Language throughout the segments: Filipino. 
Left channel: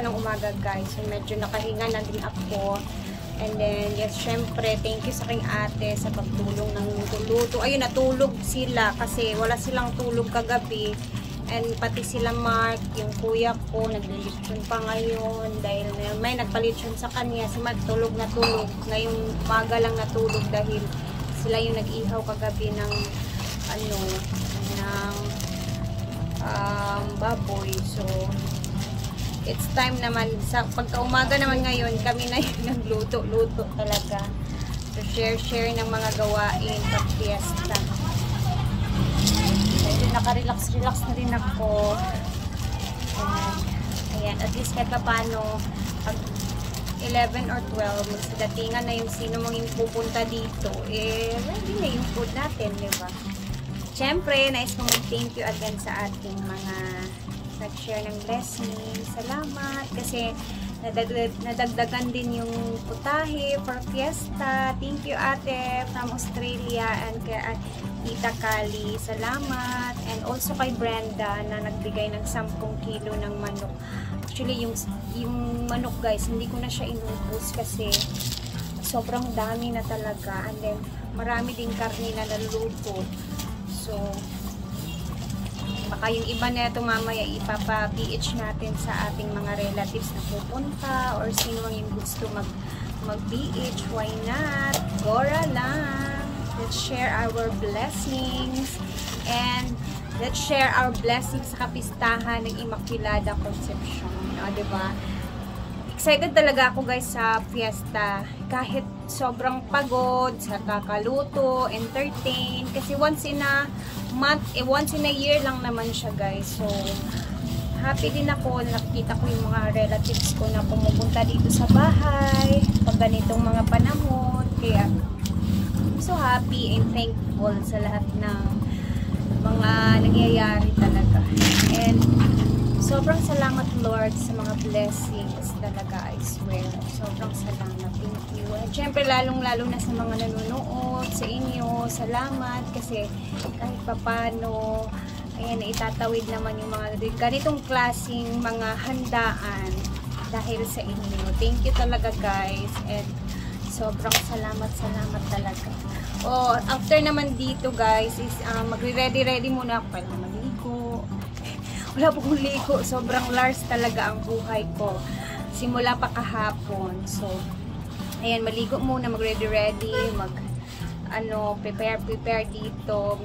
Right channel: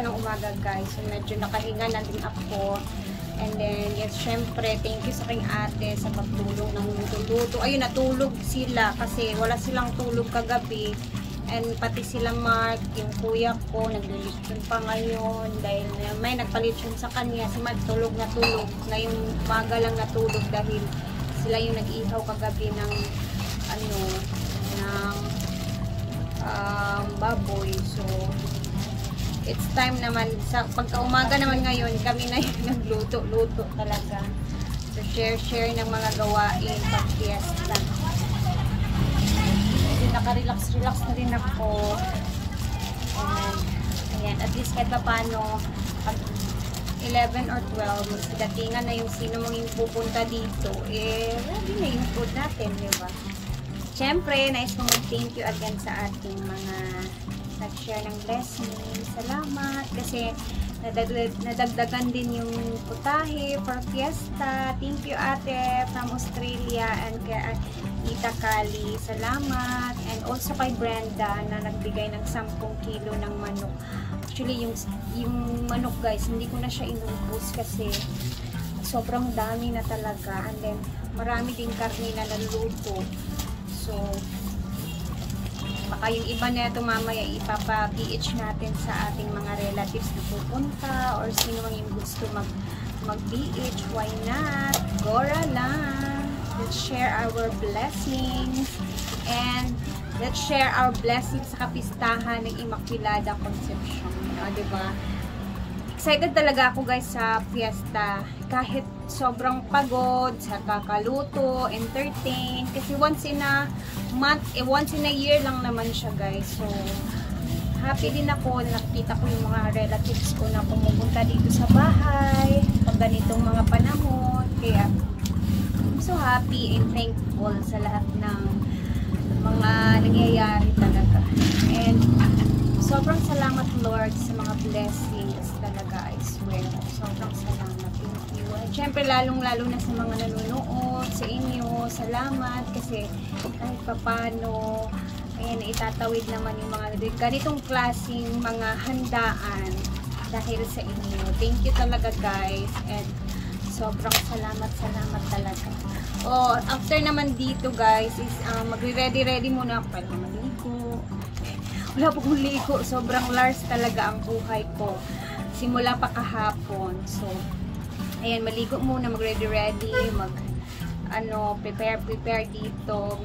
pa ng umaga guys. So medyo nakahinga na din ako. And then, yes, syempre, thank you sa aking ate sa pagtulong ng luto. Ayun, natulog sila kasi wala silang tulog kagabi. And pati sila Mark, yung kuya ko, naglilitsyon pa ngayon dahil may nagpalitsyon sa kanya. Si Mark tulog na tulog. Ngayong umaga lang natulog dahil sila yung nag-ihaw kagabi ng baboy. So, it's time naman, sa pagka-umaga naman ngayon, kami na yung nagluto-luto talaga. So, share ng mga gawain pag-fiesta. Naka-relax na rin ako. And, ayan, at least kahit paano, pag 11 or 12, magsidatingan na yung sino mong yung pupunta dito, ready na yung food natin, di ba? Siyempre, nais kong thank you again sa ating mga nag-share ng blessing. Salamat kasi nadagdagan din yung putahe for fiesta. Thank you ate from Australia and kay Tita Kali. Salamat. And also kay Brenda na nagbigay ng 10 kilo ng manok. Actually, yung manok guys, hindi ko na siya inubos kasi sobrang dami na talaga. And then, marami din karne na naluto. So, baka yung iba na ito mamaya ipapa-PH natin sa ating mga relatives na pupunta or sino ang yung gusto mag-PH. Why not? Gora lang. Let's share our blessings and let's share our blessings sa kapistahan ng Immaculada Conception. Diba? Excited talaga ako guys sa fiesta. Kahit sobrang pagod sa kakaluto, entertain. Kasi once in a month, once in a year lang naman siya guys. So, happy din ako na nakikita ko yung mga relatives ko na pumupunta dito sa bahay. Pag ganitong mga panahon. Kaya, I'm so happy and thankful sa lahat ng mga nangyayari talaga. And, sobrang salamat Lord sa mga blessings talaga, I swear. Sobrang salamat. Thank you. And syempre lalong-lalo na sa mga nanonood, sa inyo, salamat kasi kahit papano, ayan, itatawid naman yung mga ganitong klaseng mga handaan dahil sa inyo. Thank you talaga guys. And sobrang salamat talaga. Oh, after naman dito guys is magre-ready muna ako para maligo. Wala po kong ligo. Sobrang lars talaga ang buhay ko. Simula pa kahapon. So, ayan, maligo muna, mag-ready, prepare dito.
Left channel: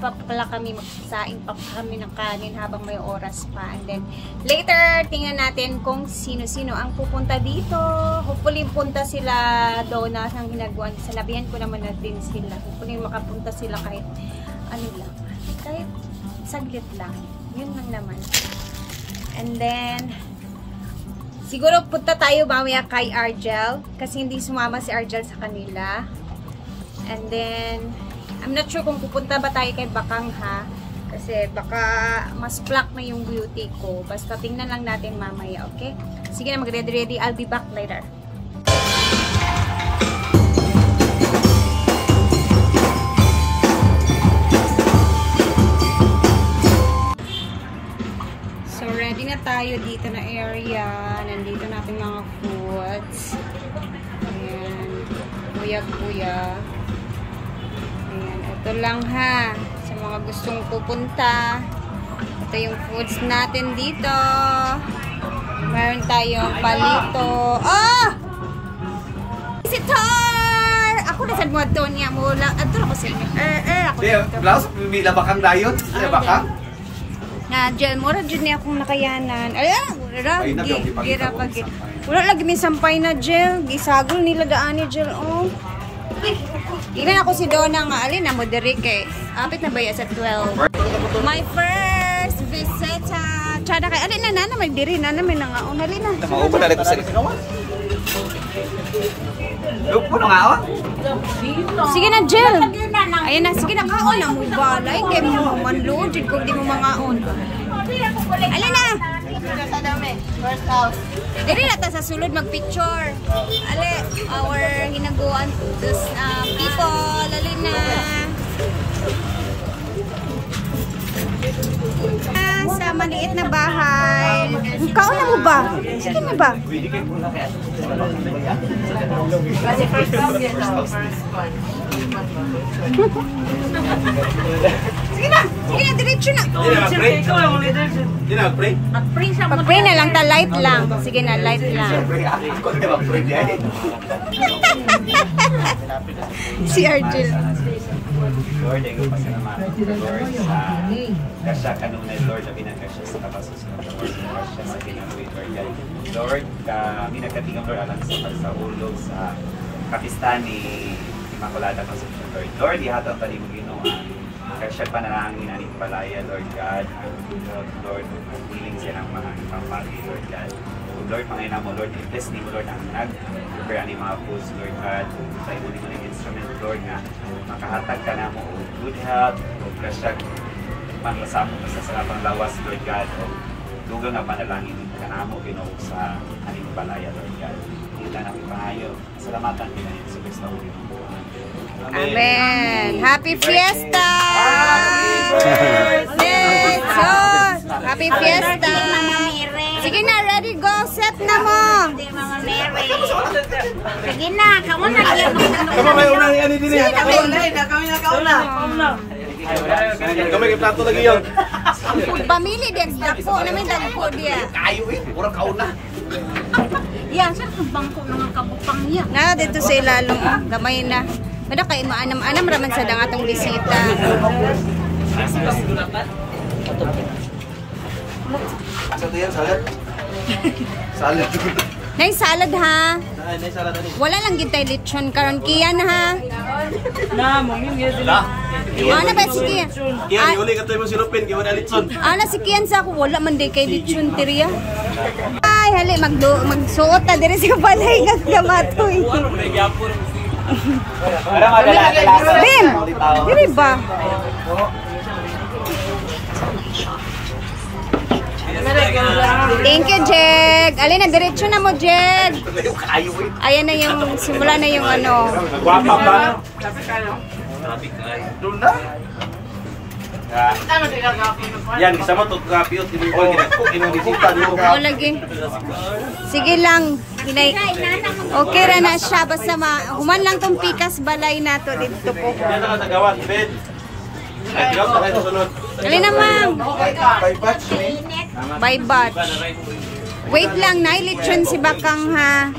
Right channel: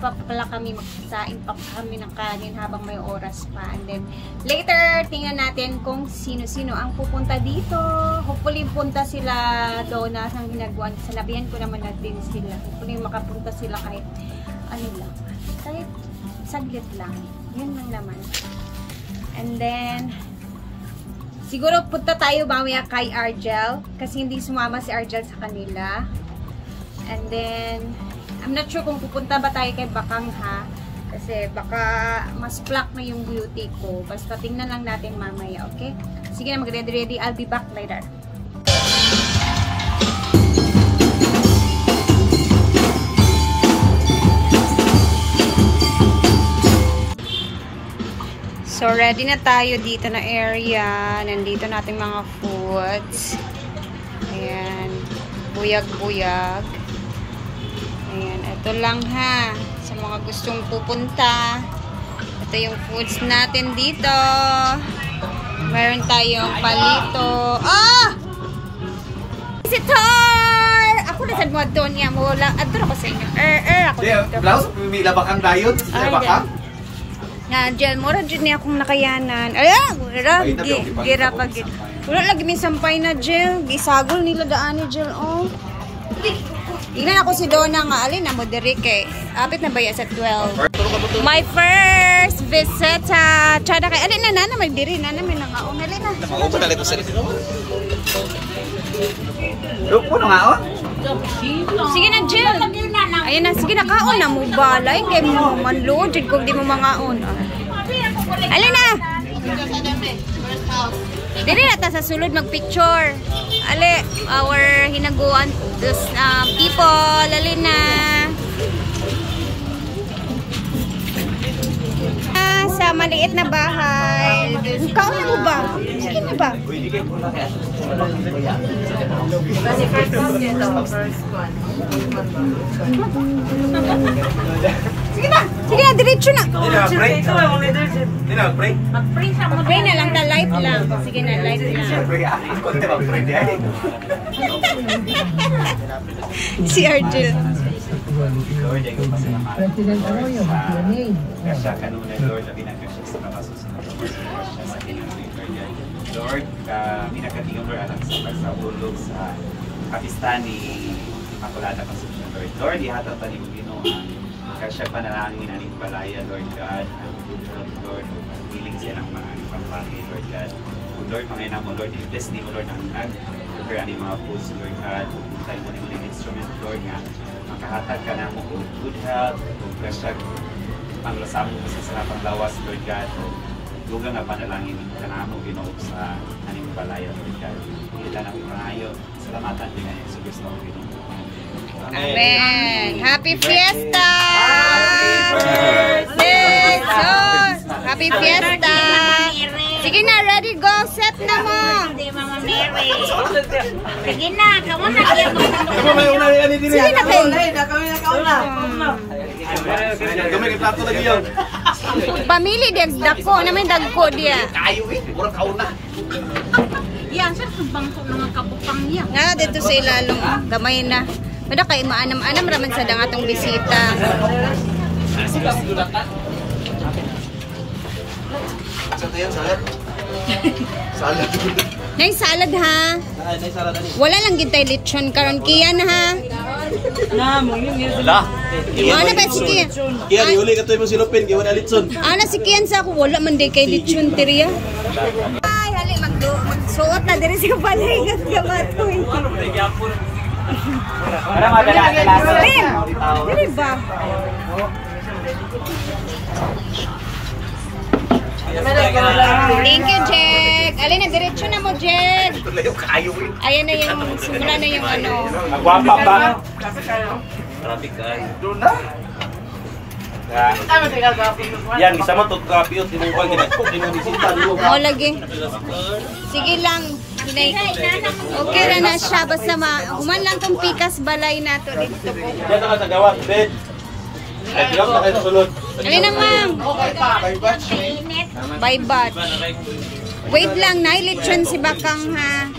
Pa pala kami, magsasaing pa kami ng kanin habang may oras pa. And then, later, tingnan natin kung sino-sino ang pupunta dito. Hopefully, punta sila doon na ang ginagawa. Sanabihan ko naman na din sila. Hopefully, makapunta sila kahit kahit saglit lang. Yun lang naman. And then, siguro punta tayo mamaya kay Argel. Kasi hindi sumama si Argel sa kanila. And then, I'm not sure kung pupunta ba tayo kay Bakang ha. Kasi baka mas black na yung beauty ko. Basta tingnan lang natin mamaya, okay? Sige na, mag-ready. I'll be back later. So, ready na tayo dito na area. Nandito natin mga foods. Ayan. Buyag-buyag. Ayan. Ito lang ha. Sa mga gustong pupunta. Ito yung foods natin dito. Meron tayong palito. Oh! Visitor! Ako na sa mga doon niya. Adoro ko sa inyo. Ako dito. Blouse, may labakang dayon. Labakang? Na dyan, mura dyan niya akong nakayanan. Ayan, gira pag wala lagi may sampay na gel. Gisagol nila daan ni gel, oh. Tingnan ako si Donna nga, alin na mo diri kay. Apit na ba sa 12? My first visit sa Chada kay. Alin na may diri na may nangaon. Alin na. Maupo na dito sa Likawan. Lupo na nga, oh. Sige na, Jill. Ayan na, sige na, kaon na mo balay. Kaya mo manload, kung di mo mangaon. Alin na. Dili na ta sa sulod magpicture. Ali, our hinaguan people. Alin na. sa maliit na bahay. Kauna mo ba? Sige na ba? Sige na, diretso na. Pag-pray na lang, light lang. Sige na, light lang. Si Argel. Lord, ay kapasalamatan sa kanuna, Lord, na pinagkasya sa kapasusunod sa pinag-Lord. Lord, kami nagkatingin, Lord, alang sa ulog sa kapistan ni Immaculada Concepcion, Lord. Lord, ihatang talim mo ginawa. Kasya panalangin na Palaya, Lord God. Lord, healing siya ng mga pagi, Lord God. Lord, mga ina mo, Lord, i-bless ni mo, Lord, ang nag-prepare ni mga puso, Lord God. Tayo mo naman yung instrument, Lord, na makahatag ka na mo o good health, o kasya panglasamo mo sa sarapang lawas, Lord God, o lugang na panalangin ka na mo, Ginoo, sa aning Palaya, Lord God. Hindi lang ang panayo. Salamatan ka na yung sa Kristo, Ginoo. Amen. Happy Fiesta! Happy Fiesta! Sige na, ready, go, set na mo! Sige na, kamu na. Kamu may unang yan din yan. Kami na kauna. Kami plato lagi yung. Pamili dagko, naman dagko dia. Kayo eh, murang kauna. Yan, sa bangko mga kabupang niya. Na dito sa ilalong, gamay na. Kada kay maanam-anam raman sa dangatong bisita. Sa tiyan, salad. Salad. Nay salad ha. Nay salad ani. Wala lang gitay lechon karon kiyan ha. Na mo ini sila. Ano ba si Kian? Kiyan uli ka to mo silupin kay wala litson. Ana si Kian sa ako wala man day kay lechon teriya. Ay hali magsuot na diri sa balay nga gamatoy. Bing, dili ba? Thank you, Jed. Alin na, diretso na mo, Jed. Ayan na yung, simula na yung ano. Yan, isa mo to kapiyot tinungkol ginabisita dulu. O, lagi. Sige lang. Okay ra na siya. Basta human lang tong pikas balay nato dito po. Yan na sa gawan, Ben. Ay, piyot na kayo sunod. Alin na, ma'am. Bye, bat. Wait lang, nailitsyon si Bakang, ha.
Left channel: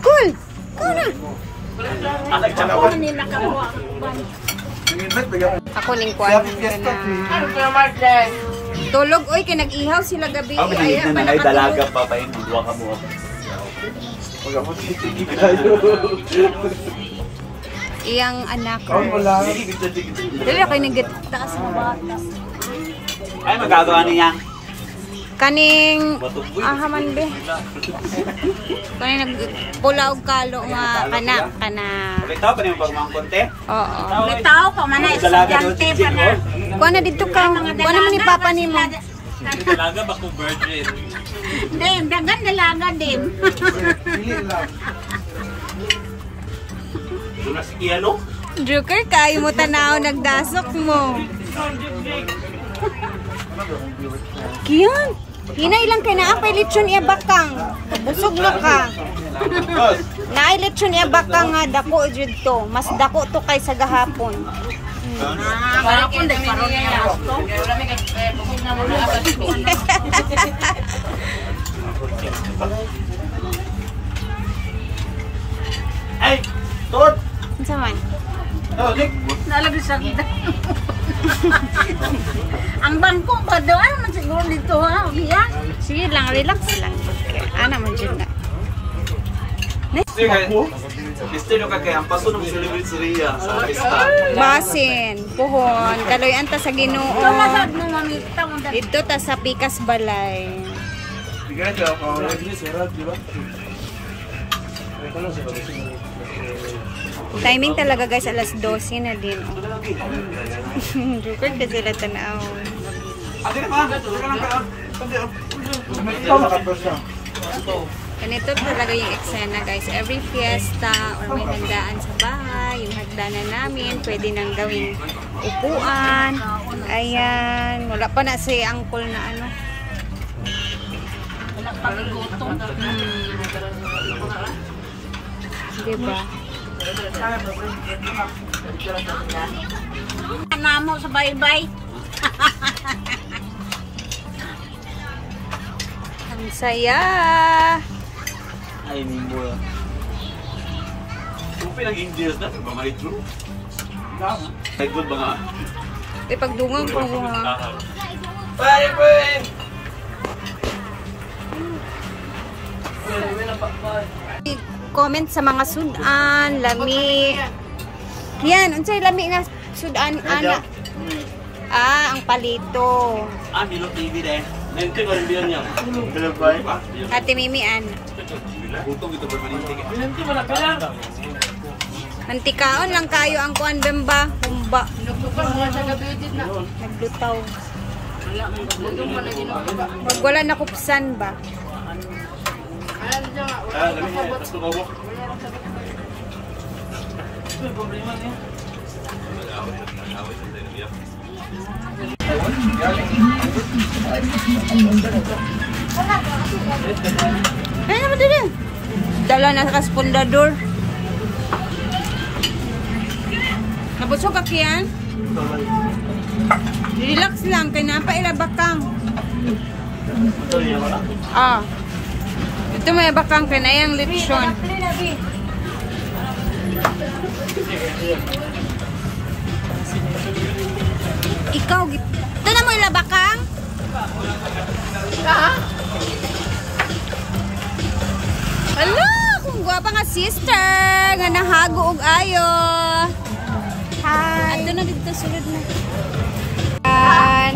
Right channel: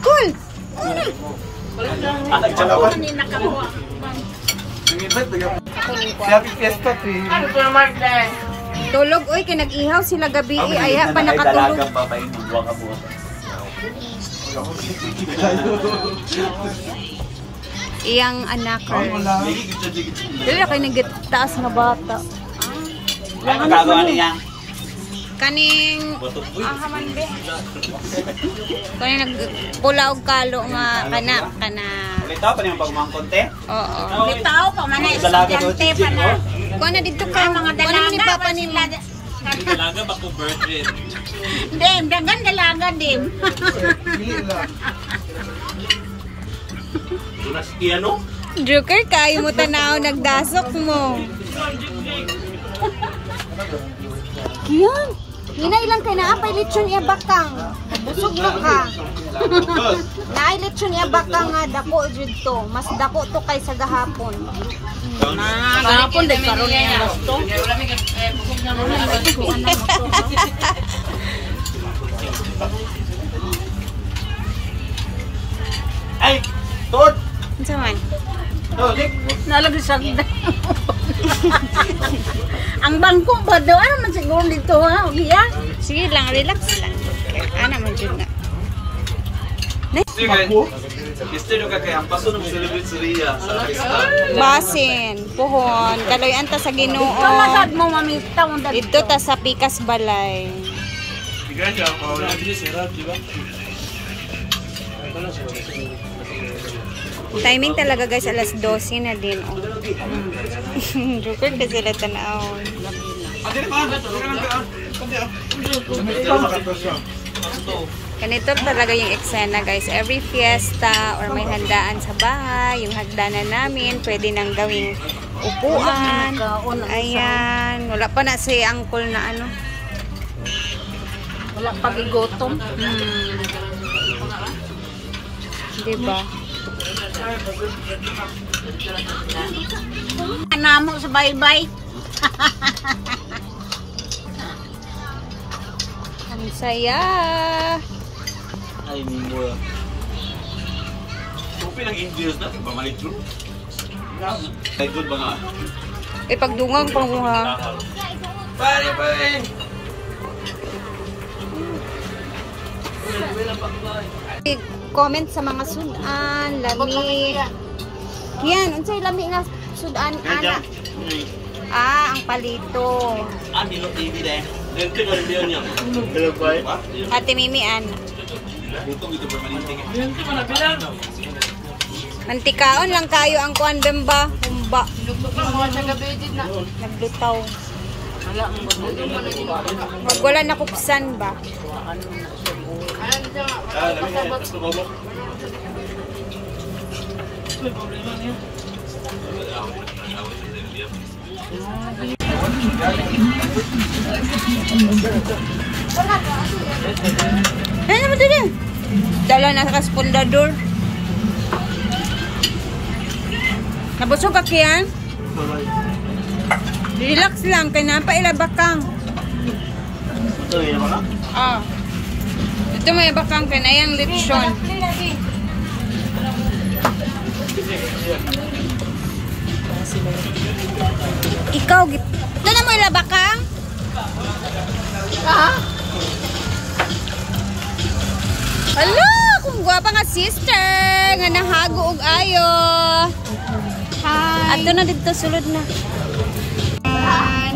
Cool. Ako ning kwan. Tulog, oy, kay nag-ihaw sila gabi. Aya pa nakatulog. Iyang anak. Dili kay nagtaas nga bata. Ay, magkagawa niya. Kaning man di. Kaning nagpulaw kalo nga kana. Ikaw pa niyo pagmangkon te? Oo. Bitaw pa man na estudyante pa na. Kuha na dito ka. Mga Kuha naman ni Papa ni mo. Dalaga ba ko birthday? Dim, dagan dalaga dim. Tunas piano? Joker, kayo mo tanaw, nagdasok mo. Kiyan, hinay lang kay naapay lechon iya Bakang. Busog mo ka. Naay lechon iya Bakang nga dako jud to. Mas dako to kay sa gahapon. Garapon de karon niya gusto. Ay, tod. Unsa man? Dik. Nalagi sa gida. Ang bangko ba daw ano man siguro dito ha? Ugiya. Sige lang, relax lang. Okay. Ana man jud na. Piste do ka kay ang paso ng celebrate Syria sa pista. Basin, puhon, kaloy anta sa Ginoo. Nasad mo mamit taon da. Dito ta sa Pikas Balay. Bigyan siya pa wala din sila, di ba? Timing talaga guys, alas 12 na din. Oh. Joker ka sila tanaw. Ate na pa, ka lang ka. Kundi ah. Ikaw makatos na. Ganito talaga yung eksena, guys. Every fiesta or may handaan sa bahay, yung hagdanan namin, pwede nang gawing upuan. Ayan. Wala pa na si uncle na ano. Wala pag-igotong. Diba? Anamo sa bye-bye. Ang saya. Ay, mimbo. Supi ng Indians na, ba malit bro? Ay, good ba nga? Pagdungang pang mga. Pare, pare! Comment sa mga sudan, lami. Yan, unsay lami nga sudan ana. Ang palito. Nilok TV dahil. Nanti ba rin niya? Galabay? Ate Mimi ana. Ito gitu permanintik. Mantikaon lang kayo ang kuan bemba, humba. Naglutaw. Wag wala na kupsan ba? Ano naman din? Dala na sa kaspondador. Nabusog ka kiyan? Relax lang, kaya napailabakang. Ito may bakang kaya na yung lechon. Ikaw, ito na mo ilabakang? Hala, kung guwapa nga sister, nga nahago og ayo. Hi. Ato na dito, sulod na.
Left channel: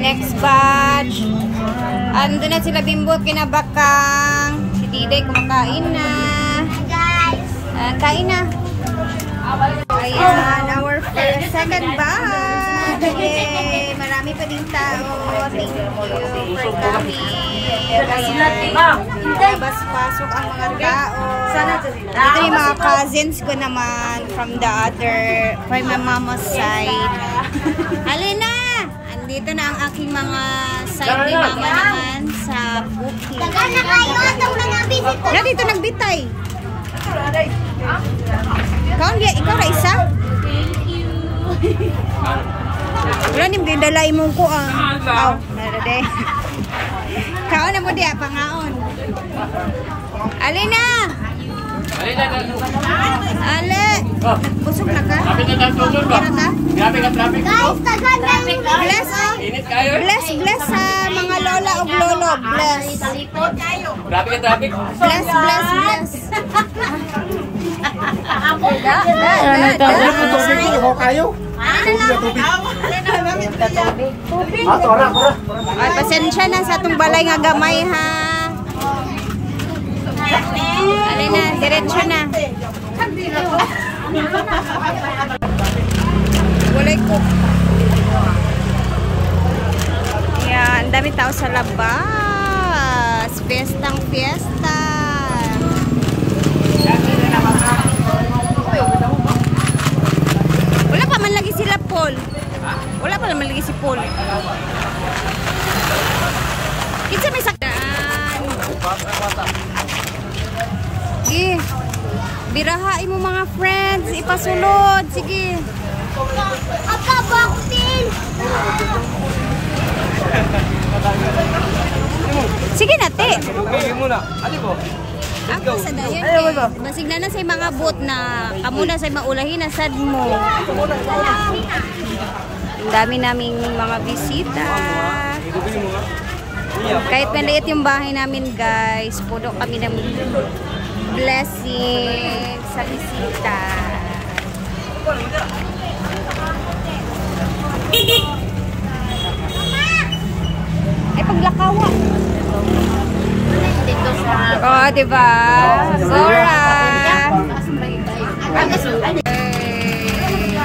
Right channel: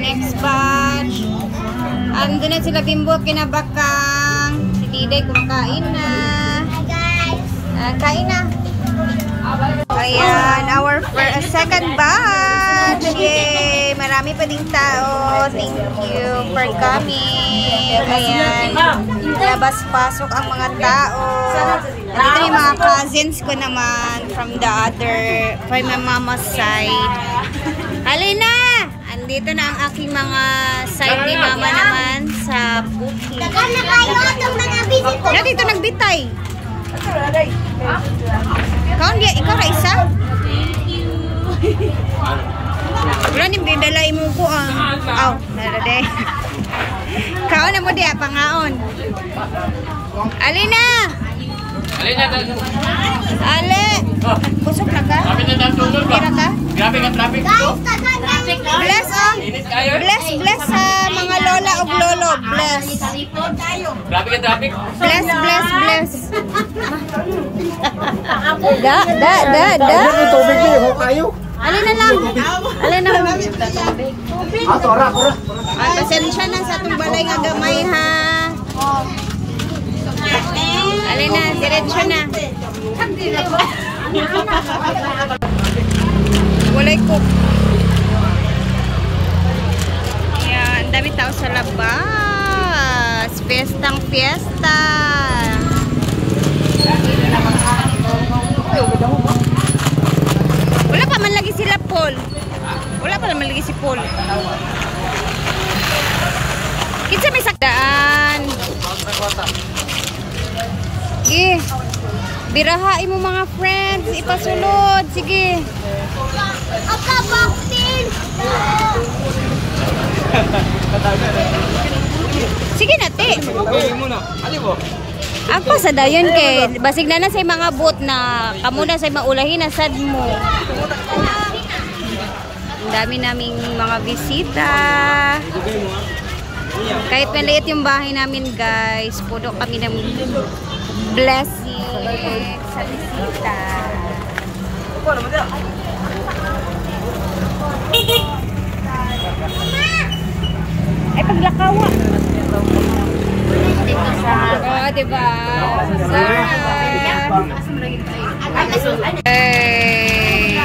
Next batch. Ando na sila Bimbo, kinabakang. Si Diday kumakain na. Hi guys. Kain na. Ayan, our second batch. Yay! Marami pa ding tao. Thank you for coming. Ayan. Labas-pasok ang mga tao. Dito yung mga cousins ko naman from my mama's side. Halina! Andito na ang aking mga side ni mama naman sa booking. Na dito nagbitay. Ikaw na isa? Wala niyo bindalay mo ko ang. Aw, narade. Kaon na mo diya pangaon. Alina. Ale. Busog na ka? Tira ka? Bless oh. Bless sa mga lola o lolo. Bless. Bless. Da. Ay, pasensya na sa itong balay nga gamay ha. Alin na, diretso na. Walay cook. Yan, ang dami tao sa labas. Fiestang fiesta. Wala pa man lagi sila Paul. Wala pa man lagi si Paul. Kinsa may sakdaan. Sige. Birahain mo mga friends. Ipasulod. Sige. Sige na, te. Ako sa dayon kay basig na sa mga boat na kamo na sa maulahin na sad mo. Ang dami naming mga bisita. Kahit maliit yung bahay namin, guys, puno kami ng blessing sa bisita. Ay, paglakawa. Oh, diba? Zora. Hey.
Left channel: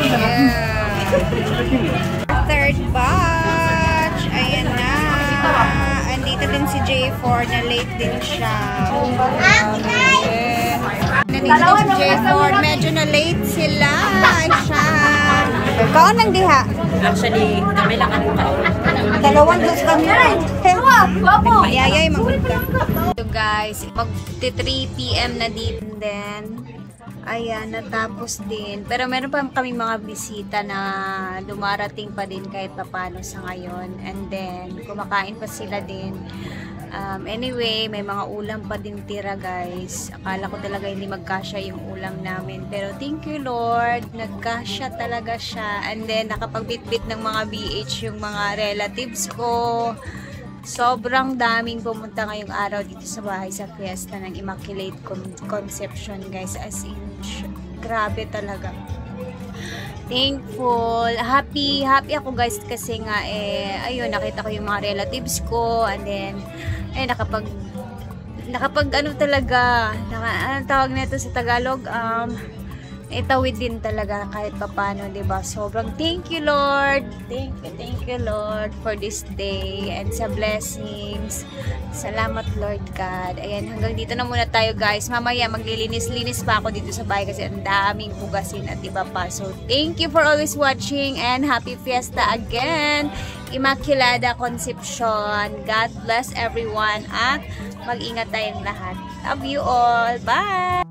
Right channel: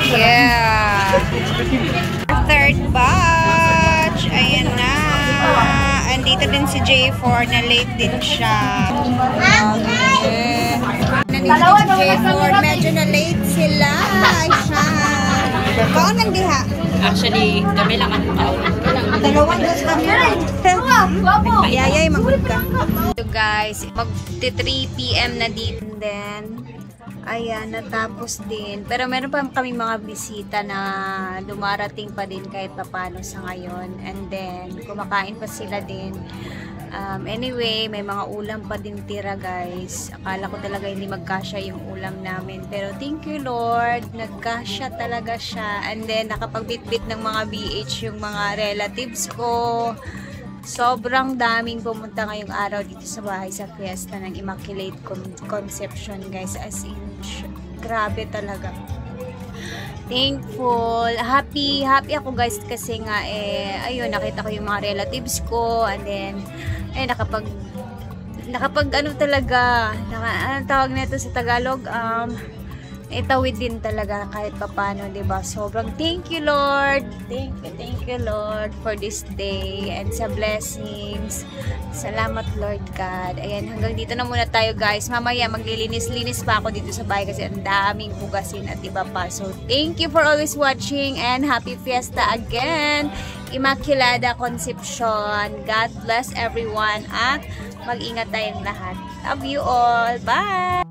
Yeah. Third batch. Ayan na. Andito din si J4 na late din siya. Grabe. Nandito din si J4. Medyo na late sila. Siya. Kaon lang diha? Actually, kami lang ang kaon. Dalawang dos kami rin. Nagpayayay, magod ka. So guys, mag-3 PM na dito din. Ayan, natapos din. Pero meron pa kami mga bisita na dumarating pa din kahit papano sa ngayon. And then, kumakain pa sila din. Anyway, may mga ulam pa din tira guys. Akala ko talaga hindi magkasya yung ulam namin. Pero thank you Lord, nagkasya talaga siya. And then, nakapagbitbit ng mga BH yung mga relatives ko. Sobrang daming pumunta ngayong araw dito sa bahay sa fiesta ng Immaculate Conception guys. As in, grabe talaga. Thankful, happy ako guys kasi nga ayun, nakita ko yung mga relatives ko and then nakapag ano talaga, anong tawag nito sa Tagalog, itawid din talaga kahit papano, diba? Sobrang thank you Lord, thank you Lord for this day and sa blessings. Salamat Lord God. Ayan, hanggang dito na muna tayo guys. Mamaya maglilinis-linis pa ako dito sa bahay kasi ang daming hugasin at iba pa. So thank you for always watching and happy fiesta again, Immaculada Conception. God bless everyone at mag-ingat tayong lahat. Love you all. Bye!